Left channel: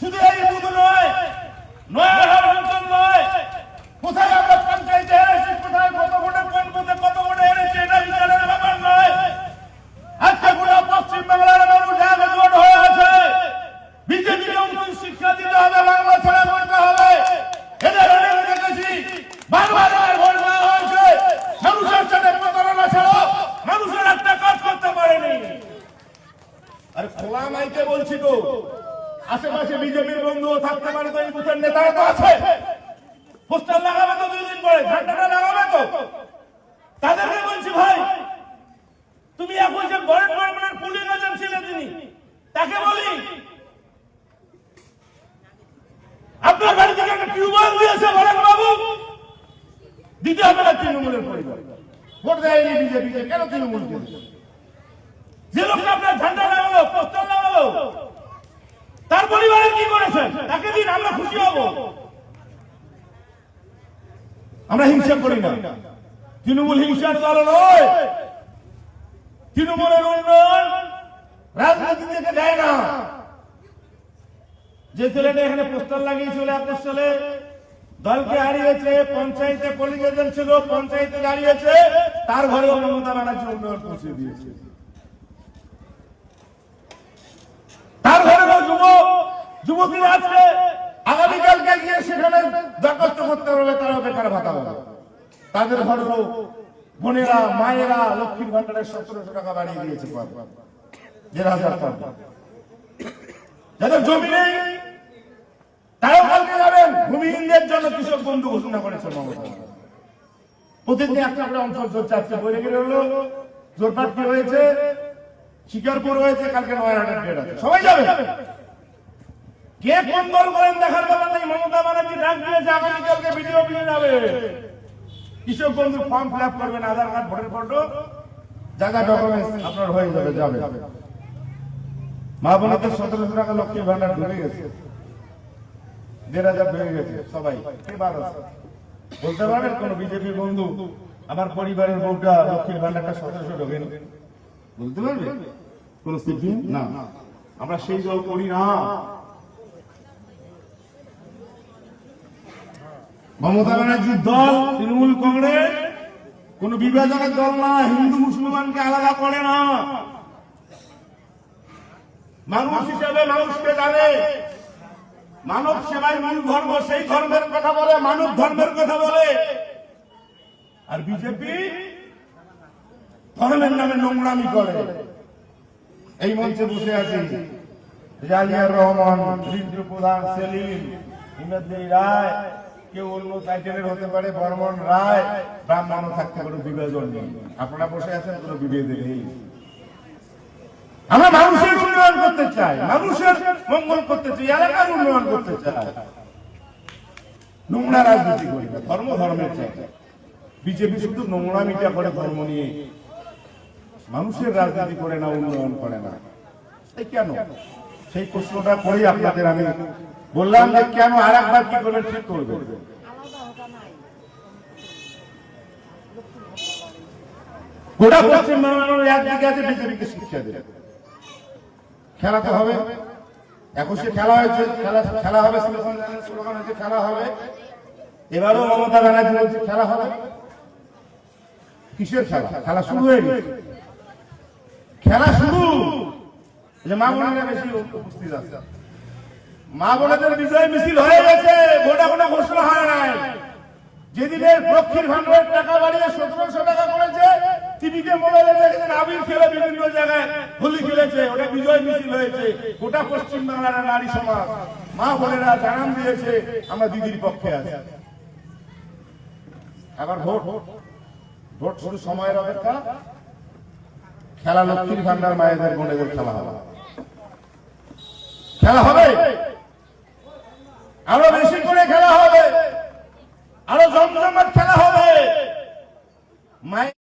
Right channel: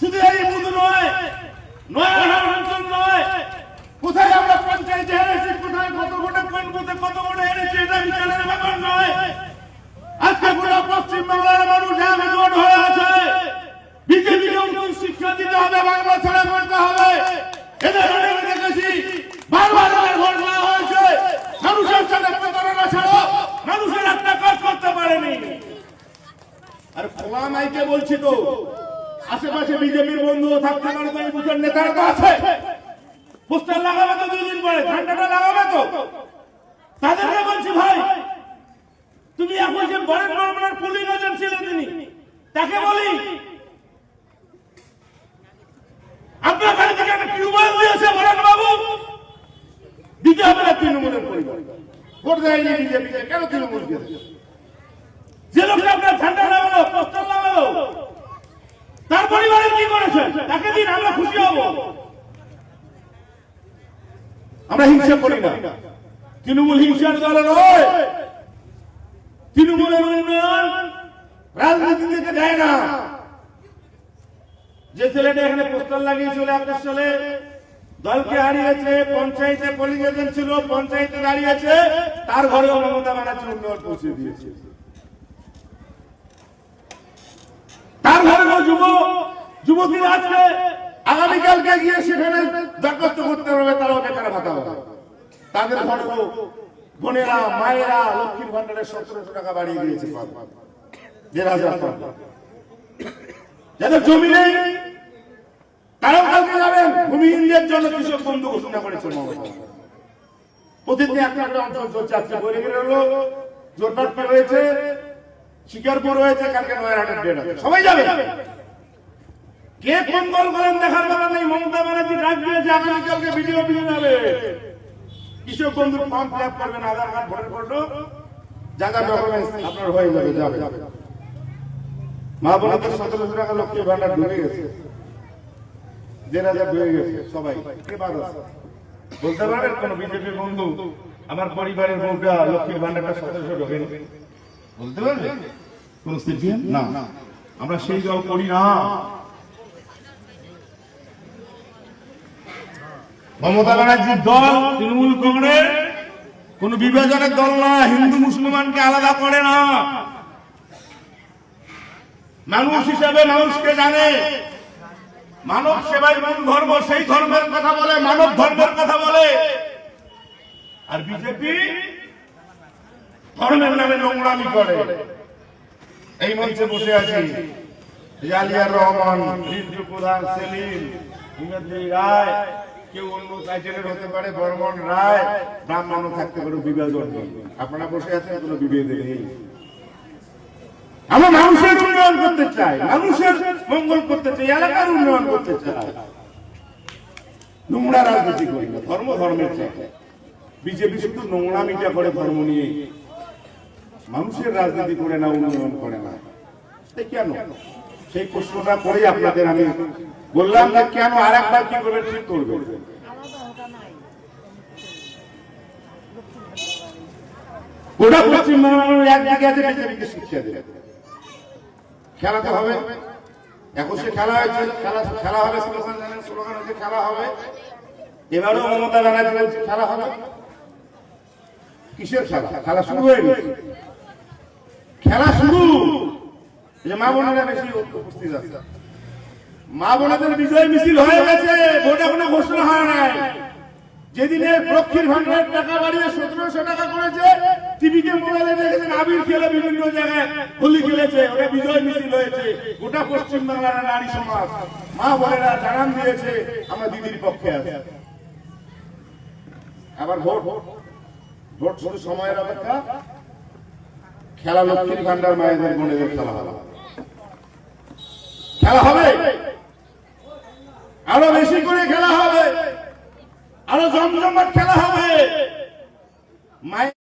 শুধু এই বুধ নয় নয়াঘাট অঞ্চল নয়। কোথায় আমরা পঞ্চায়েতে হেরেছি কোথায় কত ভোটে কোন বুথে কত ভোটে হেরেছি এটা বিচারের ব্যাপার নয়। আজকে গোটা পশ্চিম বাংলার মানুষ একজোট হয়ে আছে। বিজেপিকে উচিত শিক্ষা দিতে হবে, বাংলা ছেড়ে পড়তে হবে। এদের আমরা দেখেছি, বারবার ভোট দেওয়া হয়েছে। মানুষের সাথে প্রতারণা ছাড়ো মানুষের একটা কাজ করতে পারেনি। আরে খোলা মাইকে বলছি তো আশেপাশে বিজেপির বন্ধুও থাকতে পারে তো এই বুথের নেতারা তো আছে। পোস্টার লাগাবে তো দুদিন পরে ঝান্ডাটা লাগাবে তো। তাদেরকে বলছি ভাই, তুমি এখন যে বরেন বর্মনের পুলিশ এজেন্ট ছিলেন তিনি তাকে বলি, আপনার বাড়ি থেকে একটা টিউবওয়েল দিয়েছে বরেন বাবু দিতে হবে না তৃণমূলের পরিবার। ভোট দেয়নি বিজেপিকে, কেন তৃণমূলকে দেবে? যে লোকটা আপনার ঝান্ডা লাগালো, পোস্টার লাগালো তার পরিবারে কি করেছেন? তাকে দিন আমরা খুশি হব। আমরা হিংসা করি না। তৃণমূল হিংসার দল নয়। তৃণমূলের উন্নয়ন রাজনীতি থেকে দেয় না। যে ছেলেটা এখানে পোস্টার লাগিয়েছিল একুশ সালে, দলকে হারিয়েছে, পঞ্চায়েতে পোলিং ছিল, পঞ্চায়েতে দাঁড়িয়েছে, তার ঘরেও মমতা ব্যানার্জি উন্নয়ন পৌঁছে দিয়েছে। তার ঘরেও যুব, যুবতীরা আজকে আগামীকালকে গিয়ে সেখানে দরখাস্ত করতে পারবে তারাও বেকার ভাতা পাবে তাদের ঘরেও বোনেরা, মায়েরা লক্ষ্মীর ভান্ডারের সতেরোশো টাকা বাড়িয়ে দিয়েছে পদ। দেড় হাজার পদ। যাদের জমি নেই, তারাও কালকে যাবেন। ভূমিহীনদের জন্য কৃষক বন্ধু ঘোষণা করেছে মমতা। প্রতিদিন একটা একটা অঞ্চল চলছে। আজকে বৈরাগীর হলো জোরপাটকি হয়েছে? শিকারপুর হয়েছে, কালকে নয়ারহাটের ডেট আছে। সবাই যাবে? কে কোন দল করেন, দেখার বেলা নেই। মমতা ব্যানার্জি ডাক দিয়েছে, আগামীকালকে ভিডিও অফিসে যাবে। কৃষক বন্ধুর ফর্ম ফিল আপ করবেন, আধার কার্ড ভোটার ফটো জায়গা ডকুমেন্টস আপনার হয়ে যাবে যাবে। মা সতেরোশো টাকা লক্ষ্মী ভান্ডার ঢুকে গেছে। দেড় হাজার ঢুকে গেছে, সবাই। কে বলতে পারবেন কোন বিজেপি বন্ধু, আমার পরিবারের বউটা লক্ষ্মী ভান্ডারটা সতেরোশো ঢোকেন। বলতে পারবে? কোন সিপিএম না। আমরা সেই দল করি না। মমতা ব্যানার্জির দল তৃণমূল কংগ্রেস কোন বিভাজনের দল না হিন্দু মুসলমানকে আলাদা করে না। মানুষ হিসাবে মানুষকে জানে। মানব সেবাই মূল ধর্ম সেই ধর্মের কথা বলে মানব ধর্মের কথা বলে। আর বিজেপি ধর্মের নামে নোংরামি করে। এই মঞ্চে বসে আছি জালিয়ার রহমান, রিন্টু প্রধান, সেলিম হিমেদ্রি রায়, কেউ অন্য টাইটেলের হতে পারে, বর্মন রায়, ব্রাহ্মণও থাকতে পারে বিভাজন নেই আপনারা বসে আছেন, কোনো বিভেদ নেই। আমরা মানুষের উন্নয়ন করতে চাই, মানুষের মঙ্গল করতে চাই, এলাকার উন্নয়ন করতে চাই। নোংরা রাজনীতি করি না, ধর্ম ধর্মের চাই। বিজেপি শুধু নোংরামিটা করে ধর্ম নিয়ে মানুষের রাজনীতি করে না, উন্নয়ন করে না। কেন? সেই প্রশ্নটা করেই আপনাদের আমি বললাম যে কেন আর একবার কি করবেন, ঠিক নাই গোটা পশ্চিম বাংলার এক জায়গায় আছে, বিজেপিকে শিক্ষা দেবে। খেলা তো হবে। একুশে খেলা হয়েছে, খেলা খেলা হবে, স্লোগান জানেন খেলা হবে। এবারও মমতা ব্যানার্জি খেলা হবে। কিসের খেলা? খেলা শুরু হয়ে গেছে। খেলা শুরু। মা বোনেরা বেশি উপস্থিত আছে। মা বোনেদের বিজয় মিছিল হয়ে গেছে গোটা কোনো ঘোষণা হয় নাই। যেদিনে লক্ষ্মীর ভান্ডারের টাকা বাড়িয়ে সতেরোশো টাকা করেছে, টিভিতে, মোবাইলে দেখেছেন, আবির খেলে বিভিন্ন জায়গায় হোলি খেলেছে, ওটা বিজয় মিছিল হয়েছে। গোটা পশ্চিম বাংলার নারী সমাজ। মা বোনেরা জানান দিয়েছে, আমরা দিদির পক্ষে আছি। আবার ভোট। ভোট শুধু সময়ের অপেক্ষা খেলা লক্ষ্মীর ভান্ডার মায়েদের বোনেদের খেলা হবে। খেলা হবে? আরও বেশি করে খেলা হবে। আরও জমজমাট খেলা হবে। মায়ের